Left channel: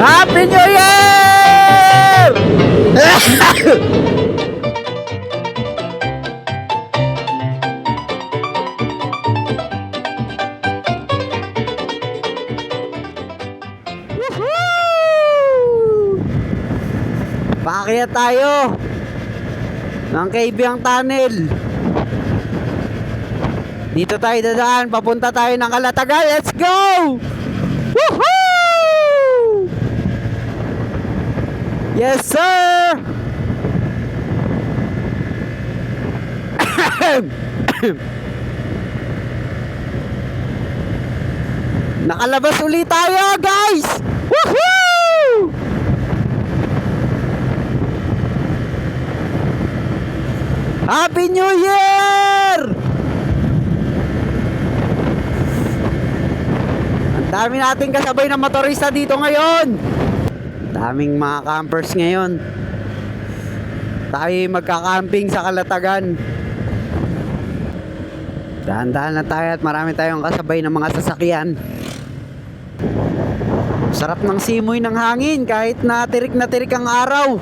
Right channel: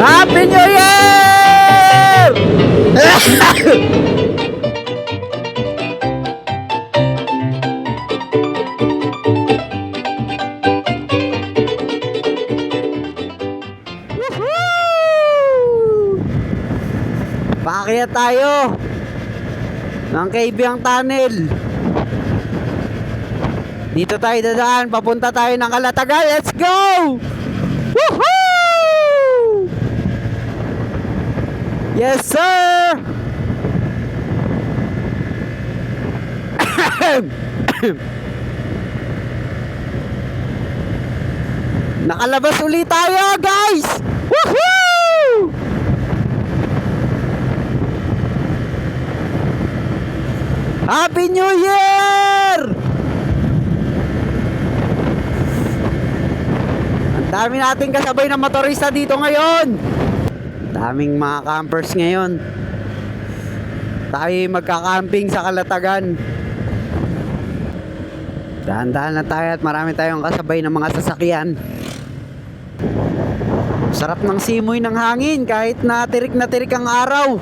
Happy New Year! Woohoo! Paakyat tayo ng Kaibiyang Tunnel. Dito tayo dadaan, papunta tayo ng Calatagan. Let's go! Woohoo! Yes, sir! Nakalabas ulit tayo, guys! Woohoo! Happy New Year! Ang dami nating kasabay na motorista dito ngayon. Daming mga campers ngayon. Tayo magka-camping sa Calatagan. Dahan-dahan lang tayo at marami tayong kasabay ng mga sasakyan. Sarap ng simoy ng hangin kahit na tirik ang araw.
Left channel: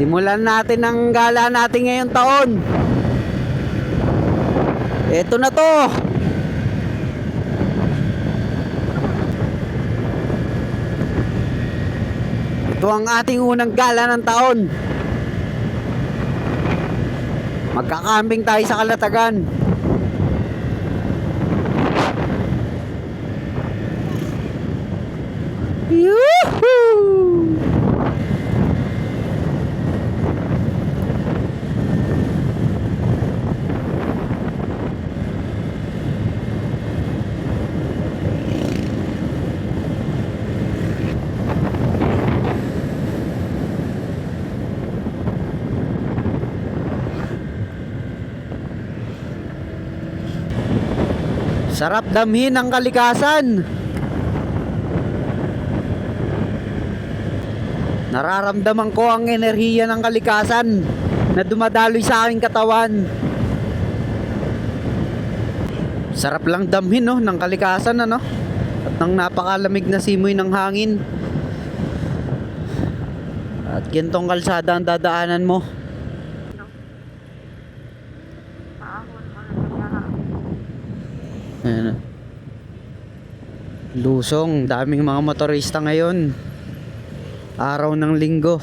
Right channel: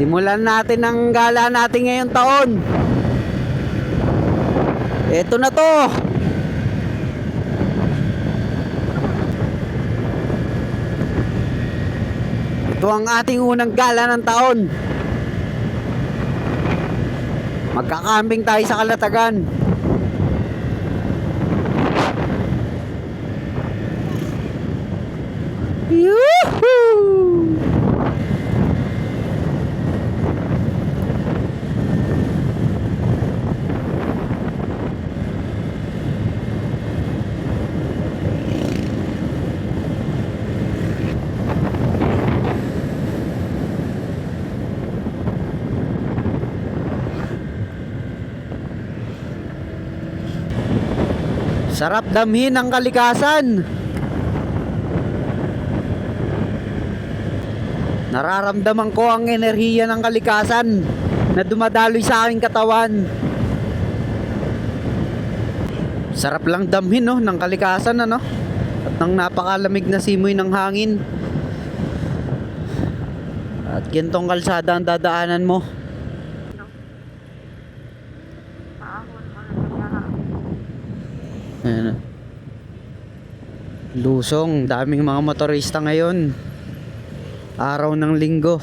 Simulan natin ang gala natin ngayong taon. Ito na to. Ito ang ating unang gala ng taon. Magkakambing tayo sa Calatagan. Yuhuu! Sarap damhin ang kalikasan. Nararamdaman ko ang enerhiya ng kalikasan na dumadaloy sa aking katawan. Sarap lang damhin, no, ng kalikasan, ano? At ng napakalamig na simoy ng hangin. At gintong kalsada ang dadaanan mo. Ayan. Lusong, daming mga motorista ngayon. Araw ng linggo.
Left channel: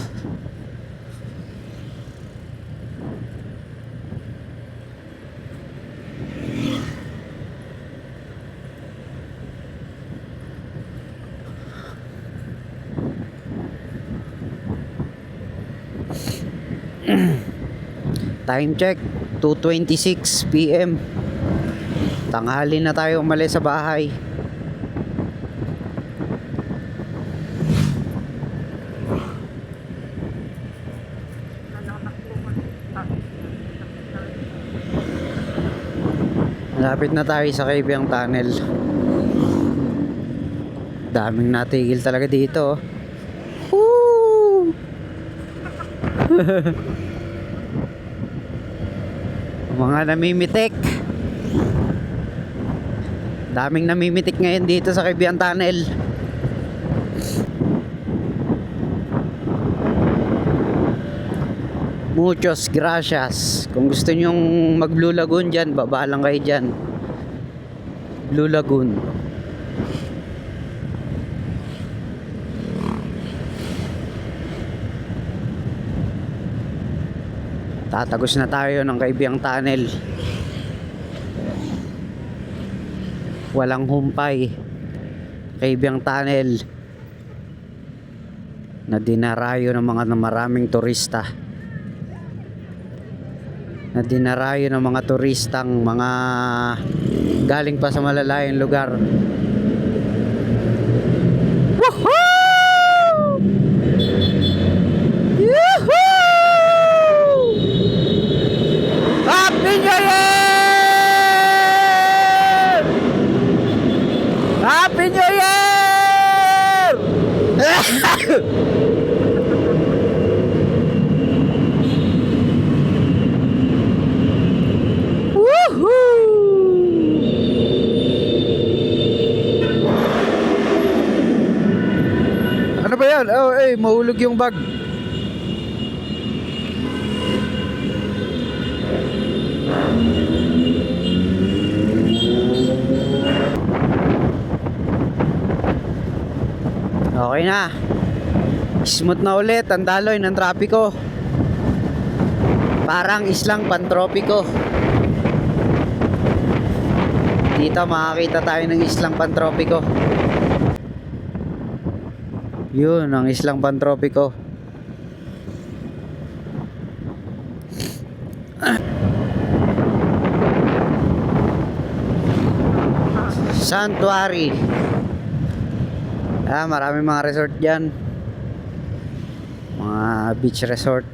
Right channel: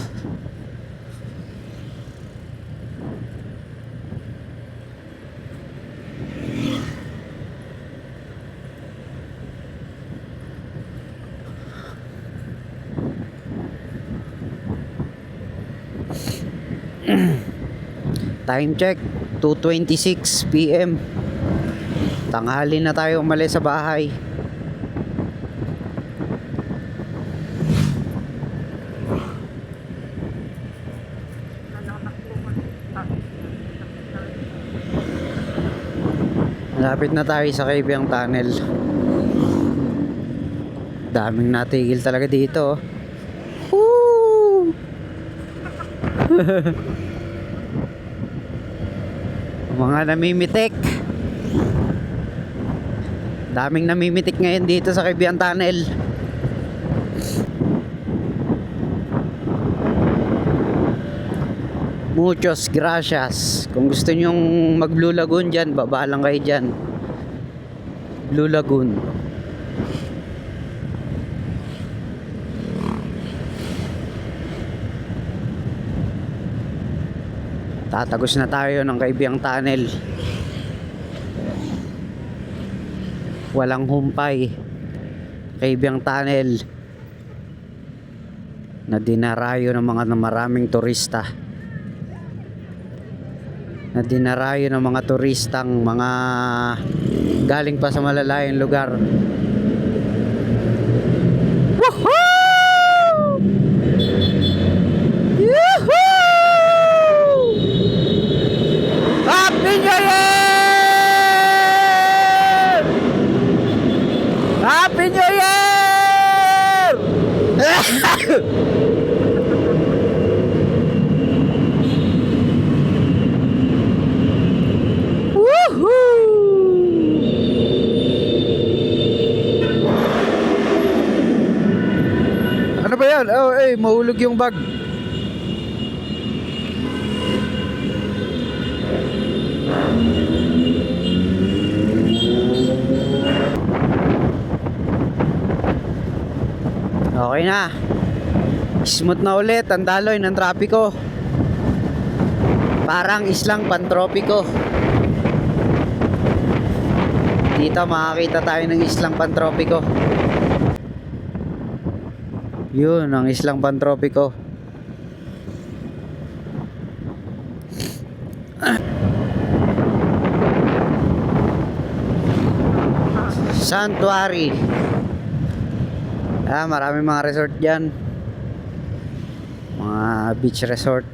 Time check 2:26 PM. Tanghali na tayo umalis sa bahay. Malapit na tayo sa Kaibiyang Tunnel. Daming natigil talaga dito. Woo! Mga namimitik. Daming namimitik ngayon dito sa Kaibiyang Tunnel. Muchos gracias. Kung gusto nyong mag Blue Lagoon dyan, baba lang kayo dyan. Blue Lagoon. Tatagos na tayo ng Kaibiyang Tunnel. Walang humpay. Kaibiyang Tunnel na dinarayo ng mga maraming turista. Na dinarayo ng mga turistang mga galing pa sa malalayong lugar. Woohoo! Yuhuu! Happy New Year! yan? Oh, mahulog yung bag. Okay na. Smooth na ulit ang daloy ng trapiko. Parang islang pantropiko. Dito makakita tayo ng islang pantropiko. Yun ang islang pantropiko. Sanctuary. Maraming mga resort dyan. Mga beach resort.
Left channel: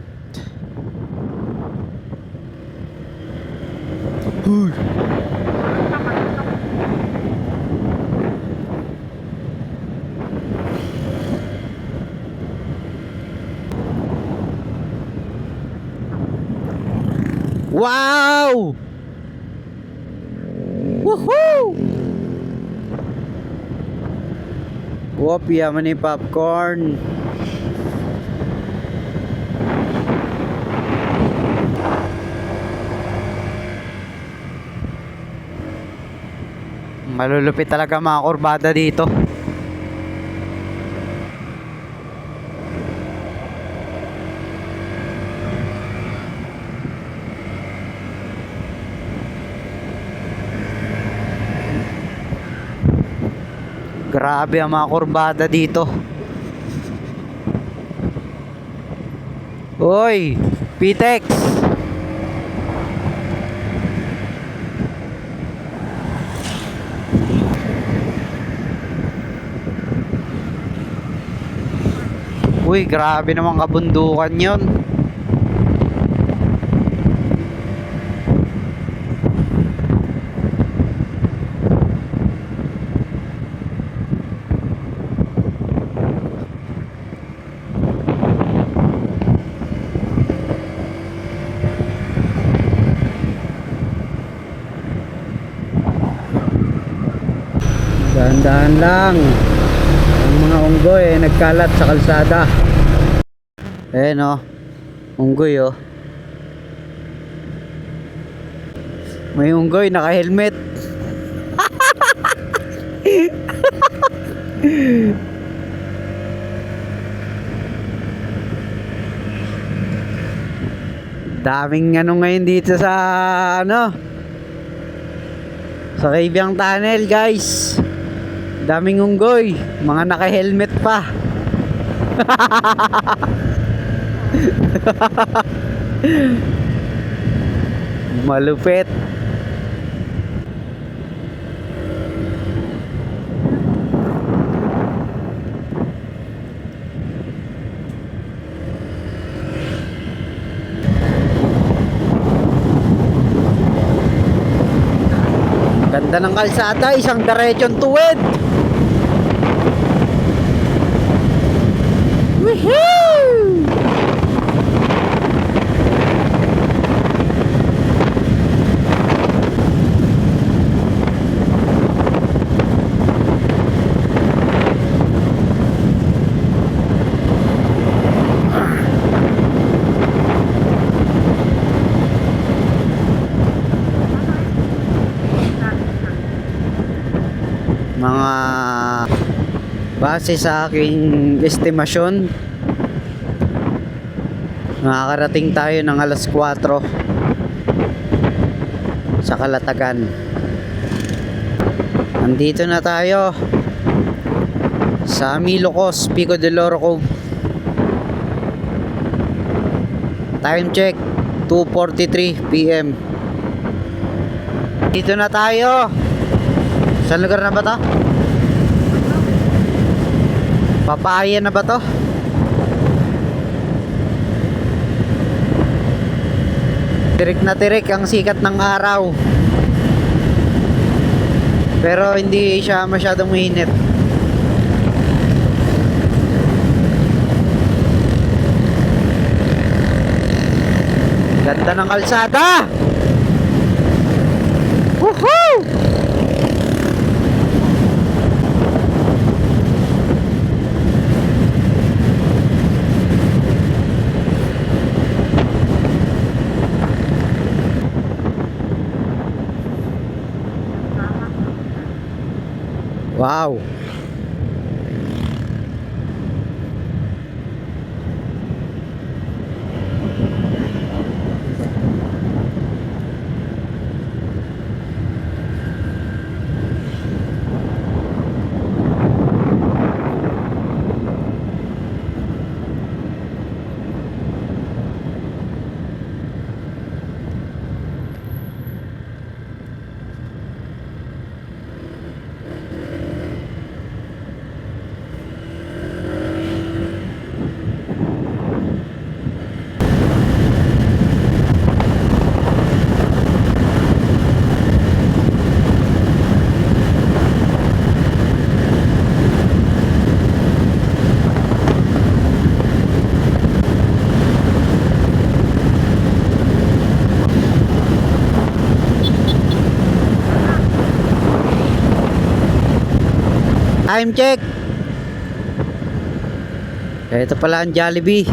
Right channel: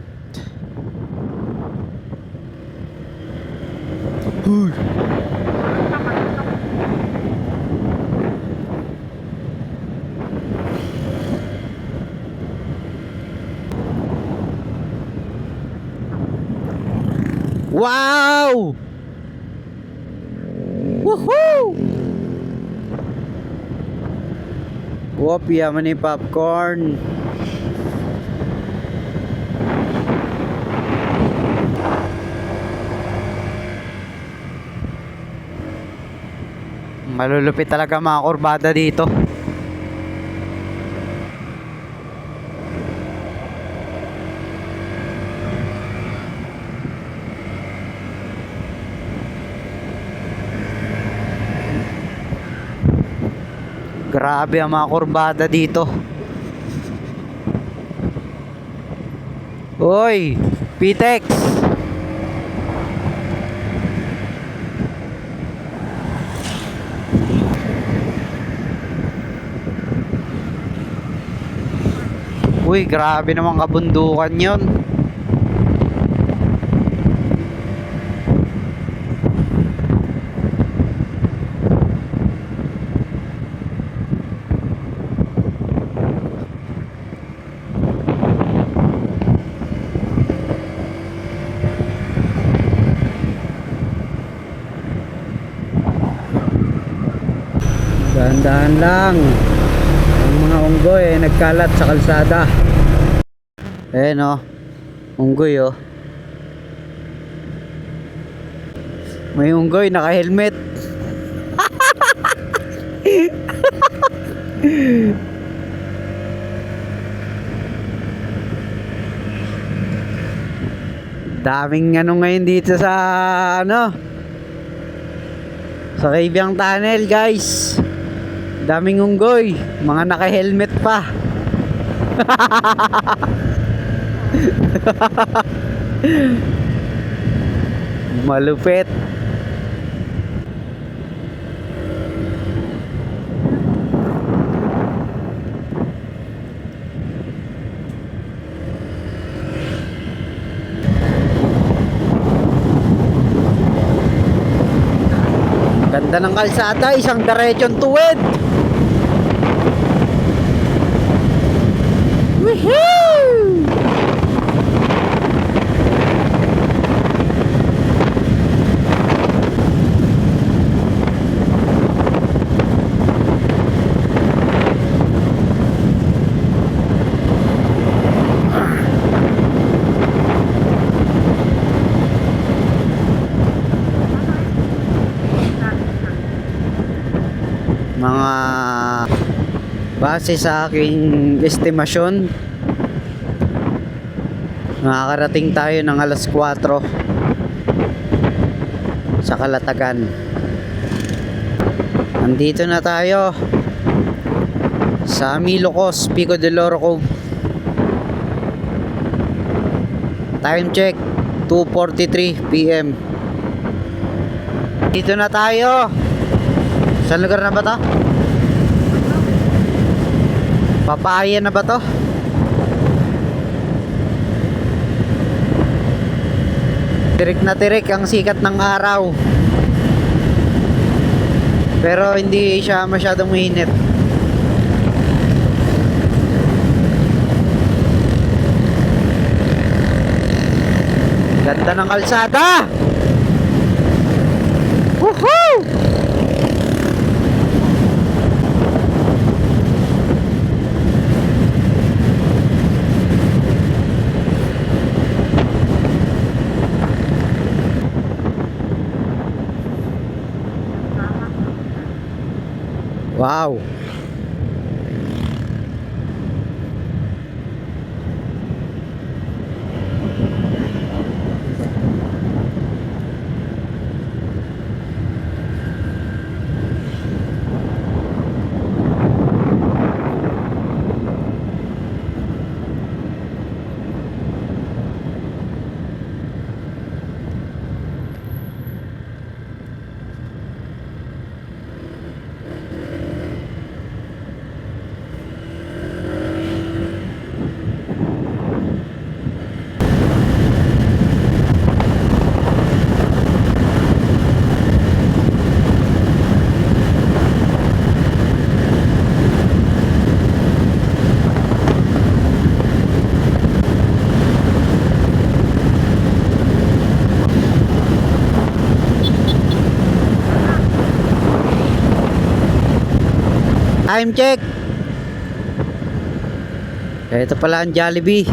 Wow! Woohoo! Whoop, yaman ni popcorn. Malulupit talaga mga kurbada dito. Grabe ang mga kurbada dito. Oy, Pitex. Uy, grabe naman kabundukan yon. Dahan-dahan lang. Ang mga unggoy nagkalat sa kalsada. Unggoy may unggoy naka-helmet. Daming ngayon dito sa sa Kaibiyang Tunnel, guys. Daming unggoy, mga naka-helmet pa. Malupit. Ganda ng kalsada, isang diretsyon tuwid. Woohoo! Mga base sa aking estimasyon, makakarating tayo ng alas 4 sa Calatagan. Nandito na tayo sa Milocos, Pico del Oro Cove. Time check 2:43 PM. Dito na tayo. Saan lugar na ba to? Papaya na ba to? Tirik na tirik ang sikat ng araw. Pero hindi siya masyadong mainit. Ganda ng kalsada! Woohoo! Wow. Time check. Ito pala ang Jollibee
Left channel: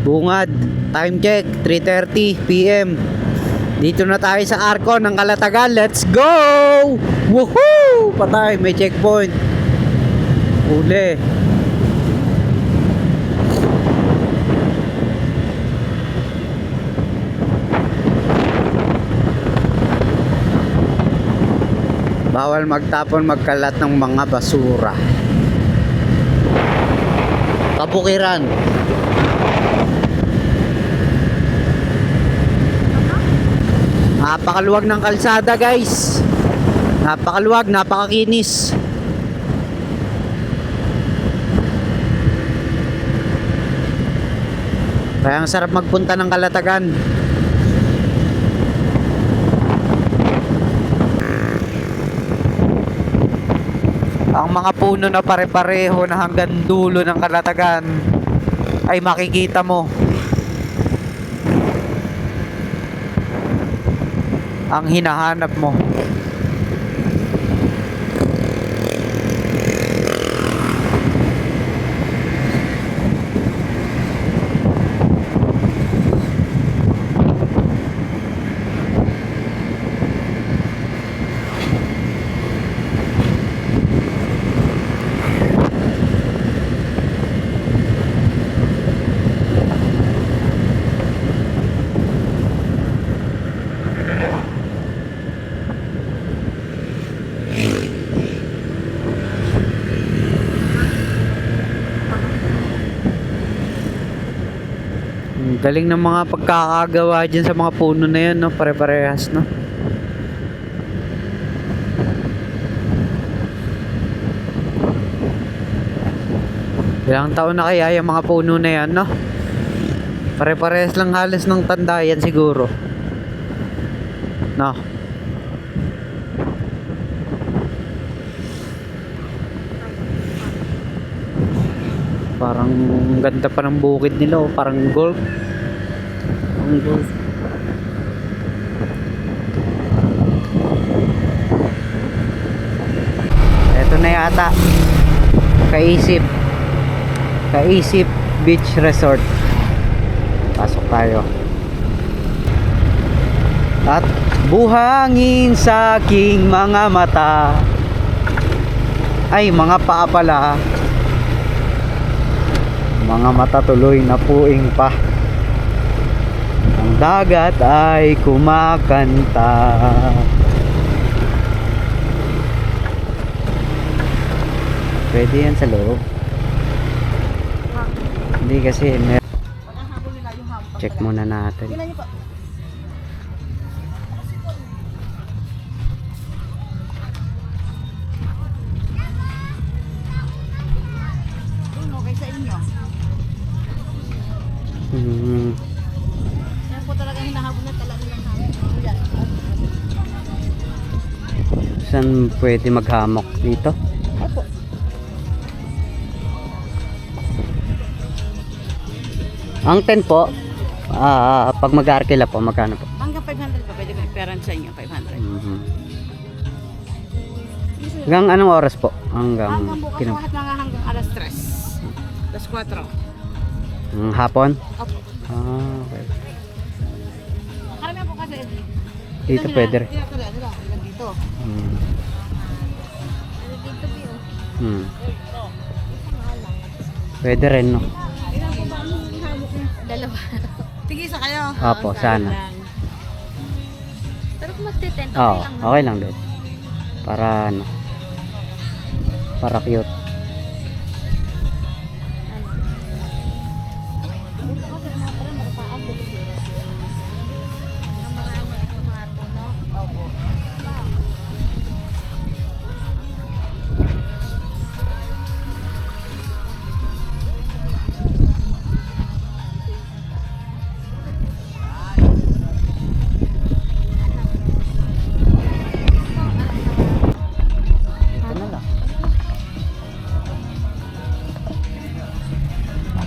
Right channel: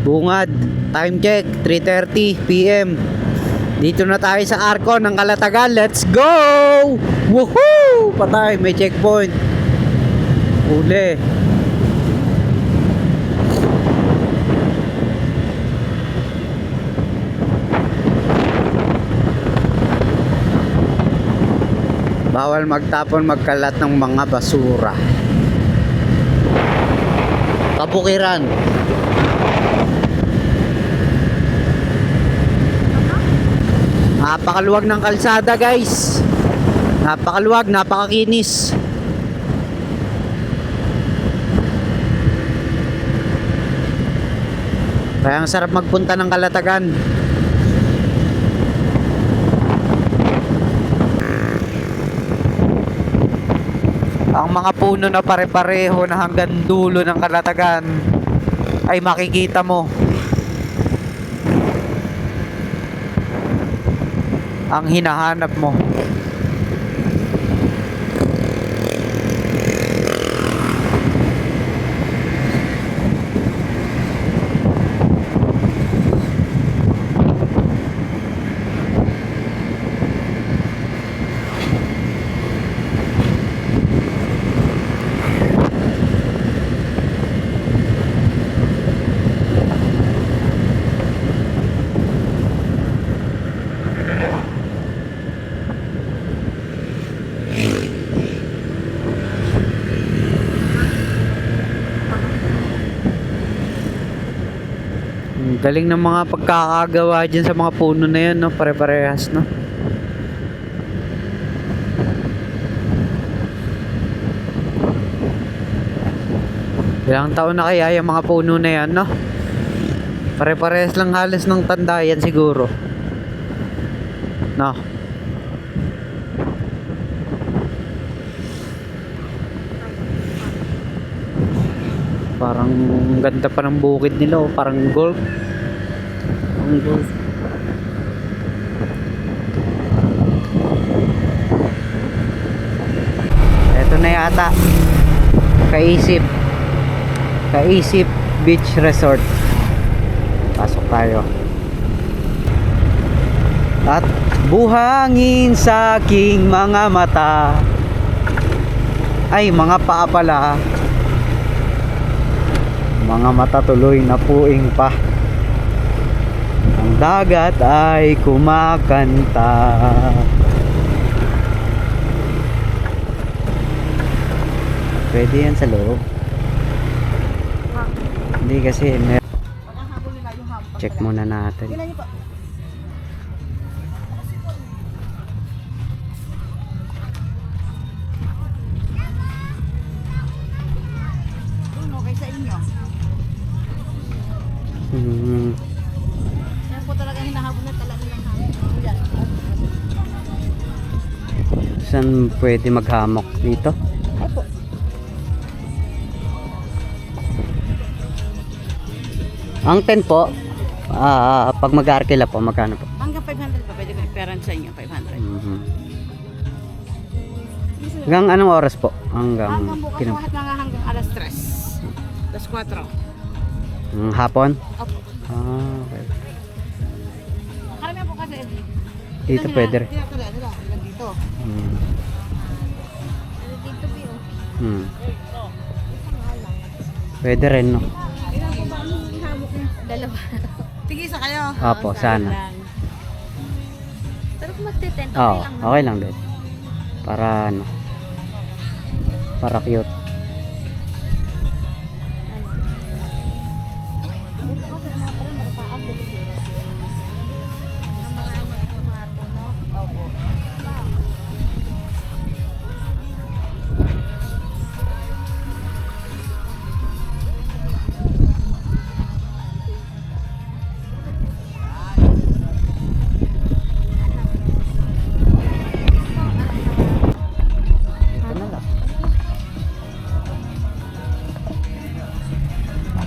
Bungad. Time check 3:30 PM. Dito na tayo sa Arco ng Calatagan. Let's go! Woohoo! Patay, may checkpoint. Uli. Bawal magtapon, magkalat ng mga basura. Kabukiran. Napakaluwag ng kalsada, guys. Napakaluwag, napakakinis. Kaya ang sarap magpunta ng Calatagan. Ang mga puno na pare-pareho na hanggang dulo ng Calatagan ay makikita mo. Ang hinahanap mo. Galing ng mga pagkakagawa dyan sa mga puno na yan, no? Pare-parehas, no? Ilang taon na kaya yung mga puno na yan, no? Pare-parehas lang halos ng tanda yan siguro, no? Parang ganda pa ng bukid nila, oh. Parang golf. Ang golf. Ito na yata. Kaisip Beach Resort. Pasok tayo. At buhangin sa aking mga mata. Ay, mga paa pala. Mga mata tuloy na puing pa. Ang dagat ay kumakanta. Pwede yan sa loob. Hindi kasi check muna natin. Yan po talaga hinahabol na tala nilang hamok. Saan pwede maghamok dito? Opo. Ang tent po, pag mag-arkila po, magkano po? Hanggang 500 pa, pwede may peran sa inyo, 500. Hanggang anong oras po? Hanggang bukas lahat mga hanggang alas 3. Alas 4. Hapon? Opo. Okay. Karamihan po kasi Dito pwede rin. Dito. Hmm. Dito po. Hmm. Pwede rin, no? Dalawa. Tigisa kayo. Opo, sana. Pero kung magte-tent, okay Oo, lang. no? okay lang din. Para ano? Para cute. Ito na lang.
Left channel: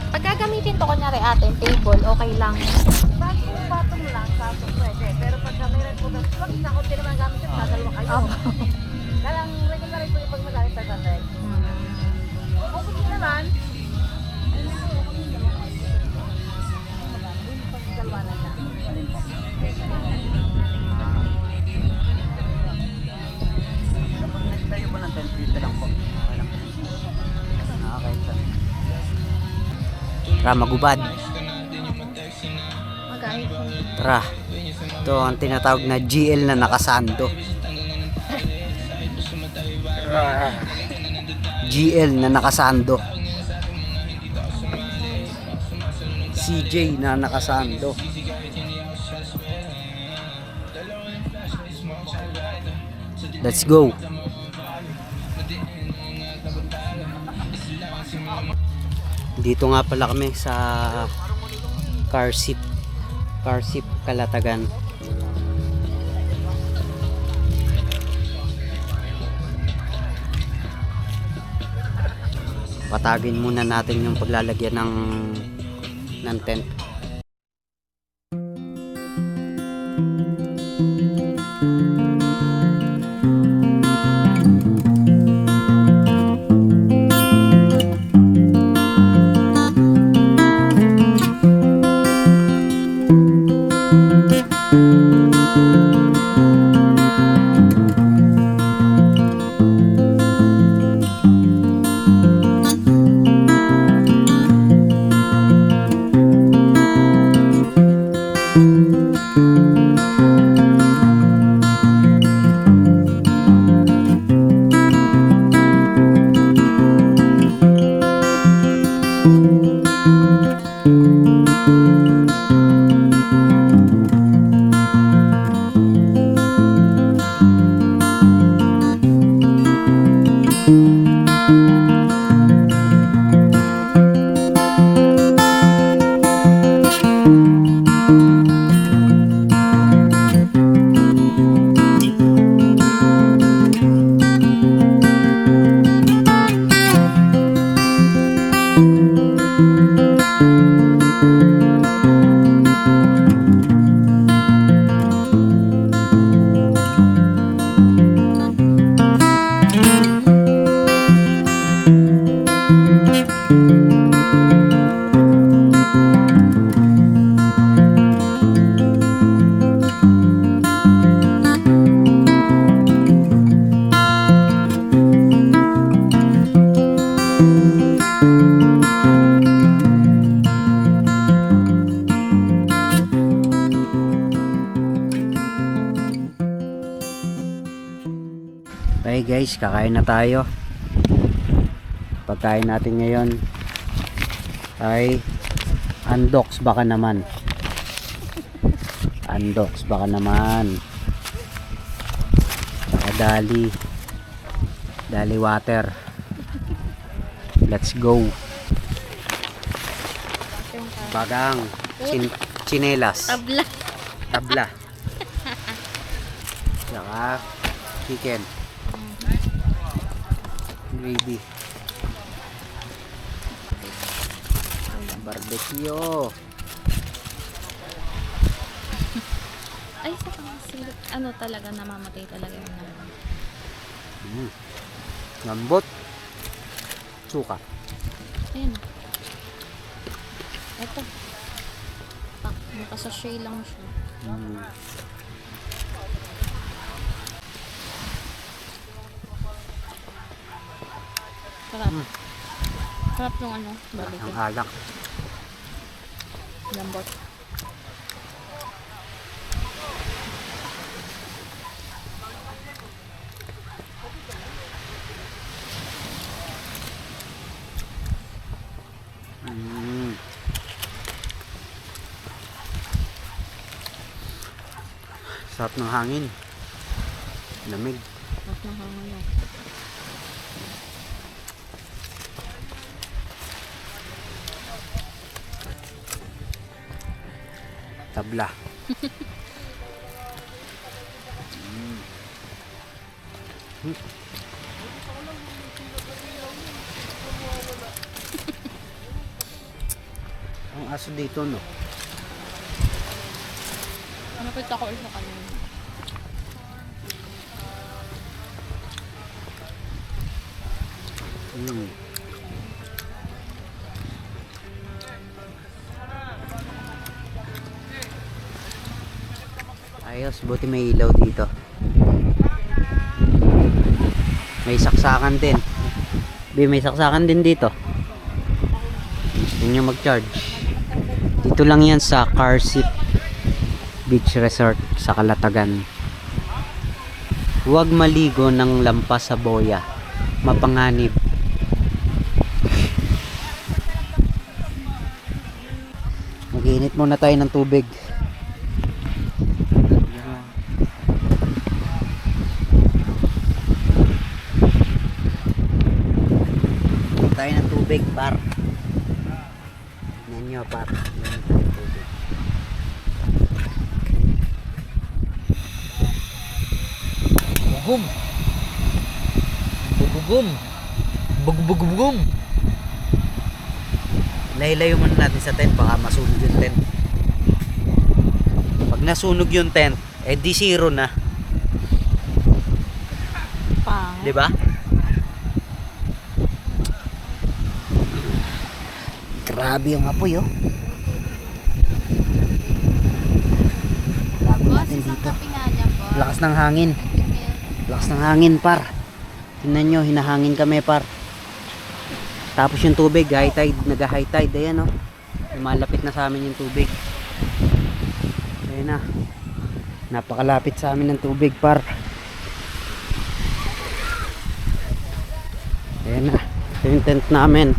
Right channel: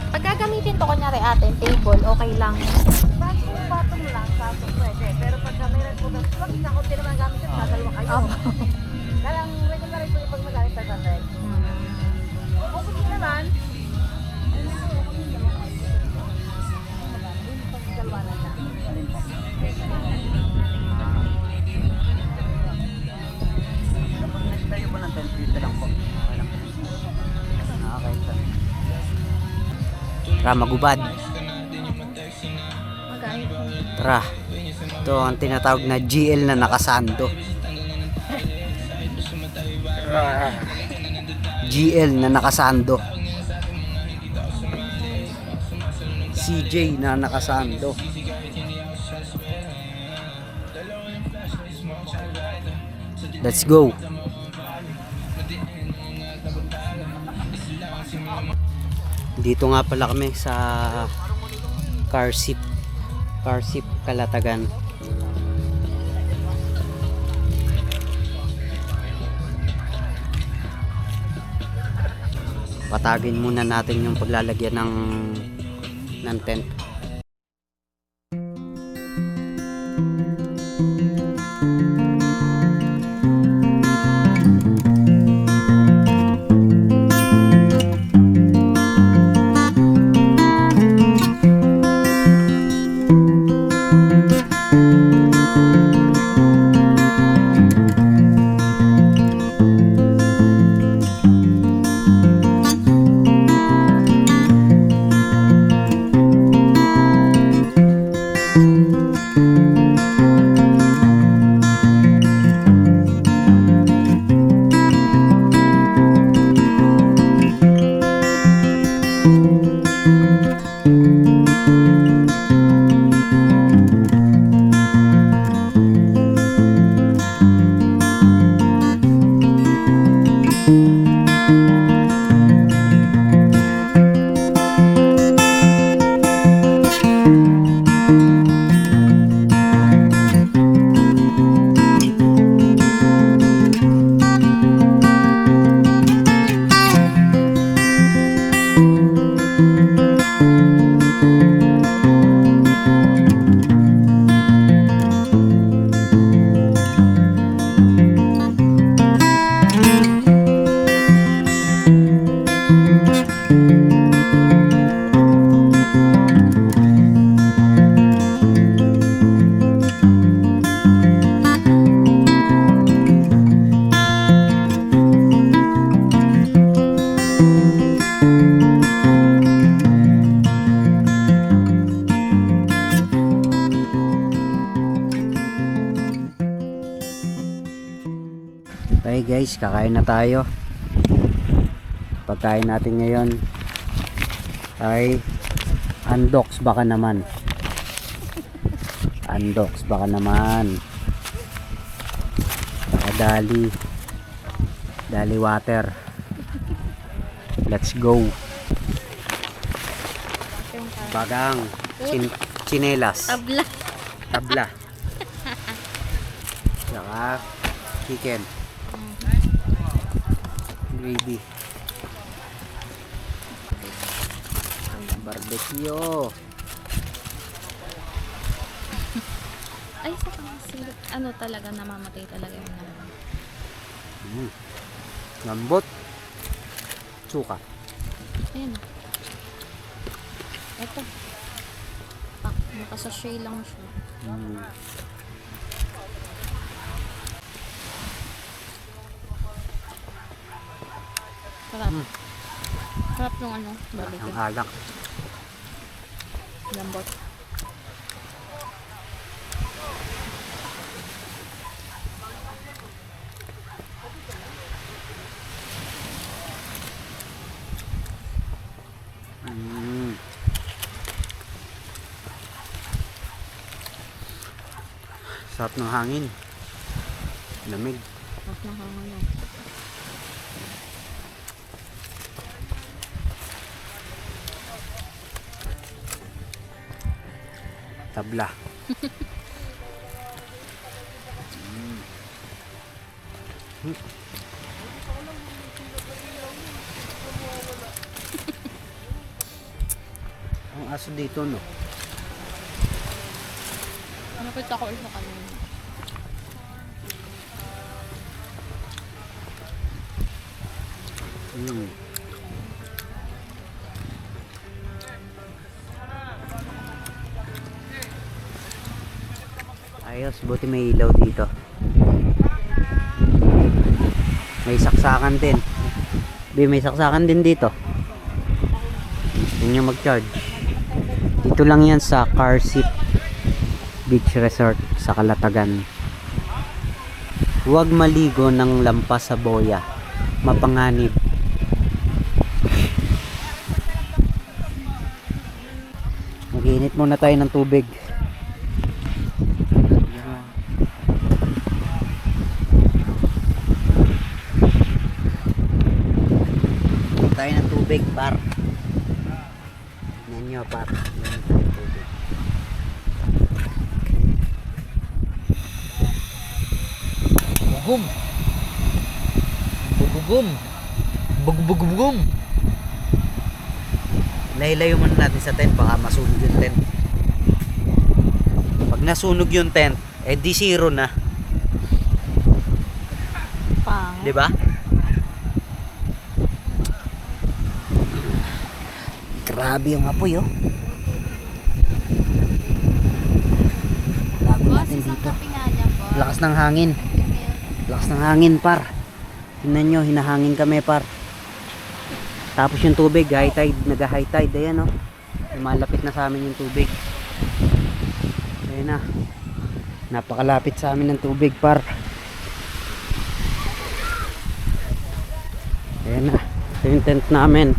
Pag gagamitin to, kunyari atin, table, okay lang. Pag kung patong lang, kaso pwede. Pero pag mayroon po, pag nakunti naman gamit yun, dadalawa kayo. Dalang regular po yung pag magamit sa ganda. Kung hindi naman, dalawa na lang. Tayo po ng 10 feet lang po. Okay lang. Okay. Tara, magubad. Mag-iPhone. Tara. Ito ang tinatawag na GL na nakasando. GL na nakasando. CJ na nakasando. Let's go. Dito nga pala kami sa car seat Kalatagan. Patagin muna natin yung paglalagyan ng tent. Okay guys, kakain na tayo. Pagkain natin ngayon ay Andox baka naman. Andox baka naman. Saka Dali water. Let's go. Bagang chinelas. Tabla. Saka chicken. Gravy. Barbecue. Ay, sa pangasilit, ano talaga, namamatay talaga yung naman. Lambot. Suka. Ayan. Ito. Nakasashay lang siya. Sarap. Mm. Sarap yung ano, Ang barbecue. alak. Lambot. Mm. Sarap ng hangin. Lamig. Mas nahangin yun. Tabla. Ang aso dito, no? Nakita ko ulit sa kanina. Mm. Ayos, buti may ilaw dito. May saksakan din. May saksakan din dito. Gusto nyo mag-charge. Dito lang yan sa Carsip Beach Resort sa Calatagan. Huwag maligo ng lampas sa boya. Mapanganib. Mag-init muna tayo ng tubig. Tayo ng tubig, par. Tignan nyo, par. Tignan tayo ng tubig. Bugum. Bugum. Bugum. Layo-layo muna natin sa tent, baka masunog yung tent. Pag nasunog yung tent, eh di zero na. Pangit. 'Di ba? Grabe yung apoy, oh. Bago Boss, natin isang dito. kape nga dyan po. Lakas ng hangin. Lakas ng hangin, par. Tingnan nyo, hinahangin kami, par. Tapos yung tubig, high tide, nag-high tide. Ayan, oh. Lumalapit na sa amin yung tubig. Ayan na. Napakalapit sa amin ng tubig, par. Ayan na. Ito yung tent namin.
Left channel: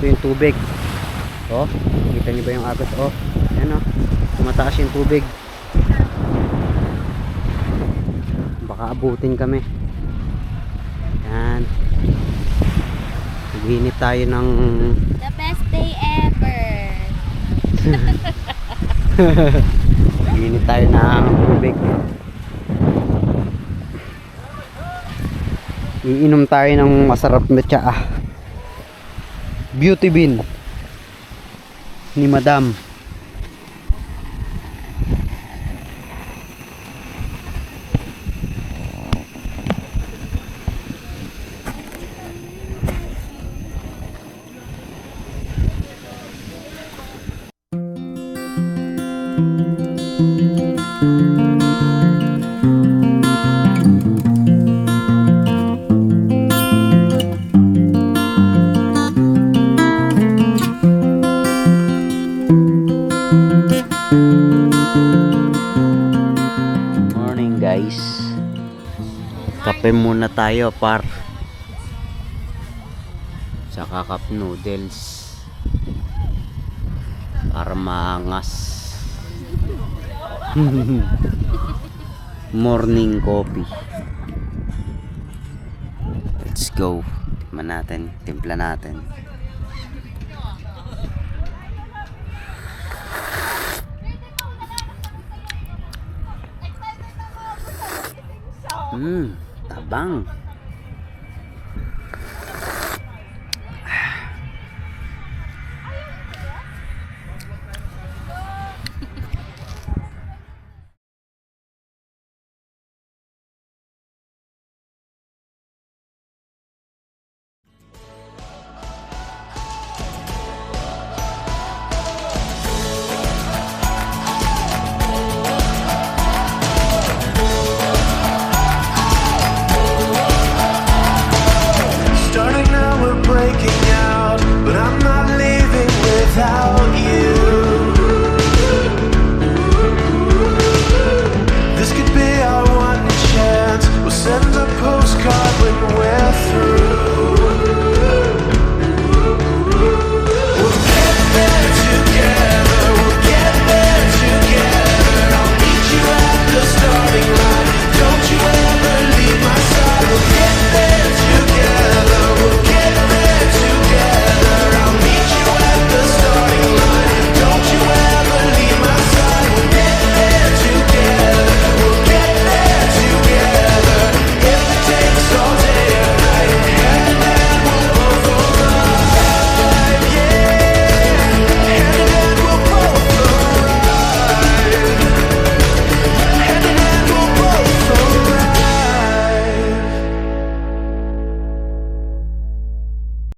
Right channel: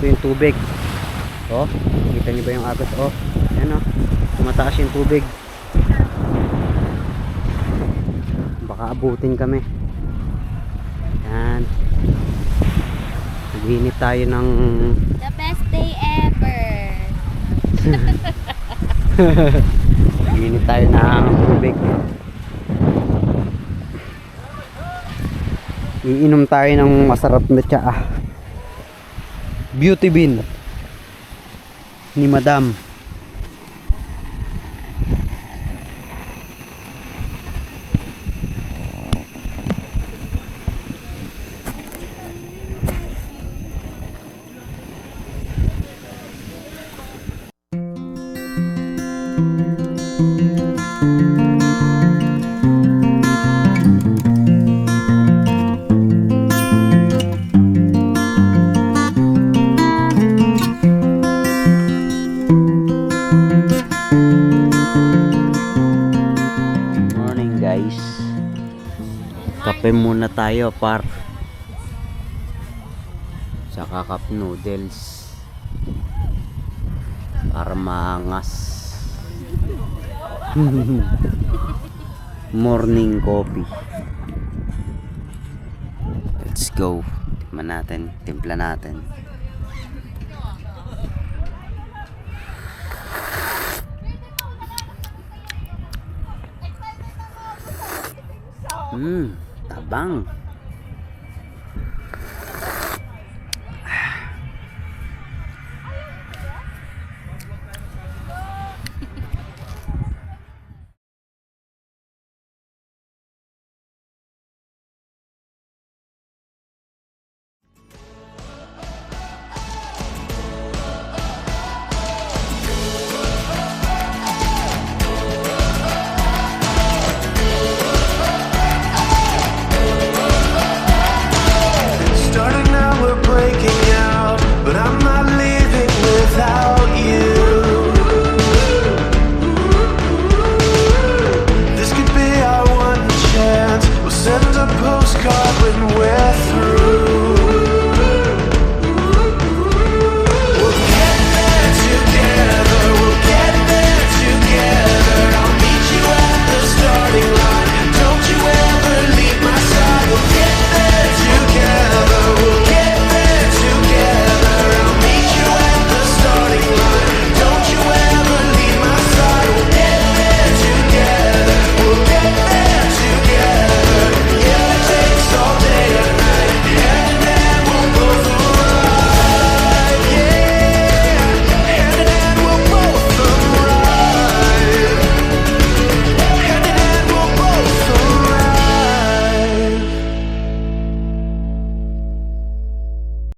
Ito yung tubig. Oh, kita niyo ba yung agos? Oh, ayan, oh. Tumataas yung tubig. Baka abutin kami. Yan. Naghinip tayo ng The best day ever. Naghinip tayo ng tubig. Iinom tayo ng masarap na tsaa. Beauty bean ni Madam. Morning, guys. Kape muna tayo, par. Saka cup noodles para maangas. Morning coffee. Let's go. Tikman natin, timpla natin. Tabang.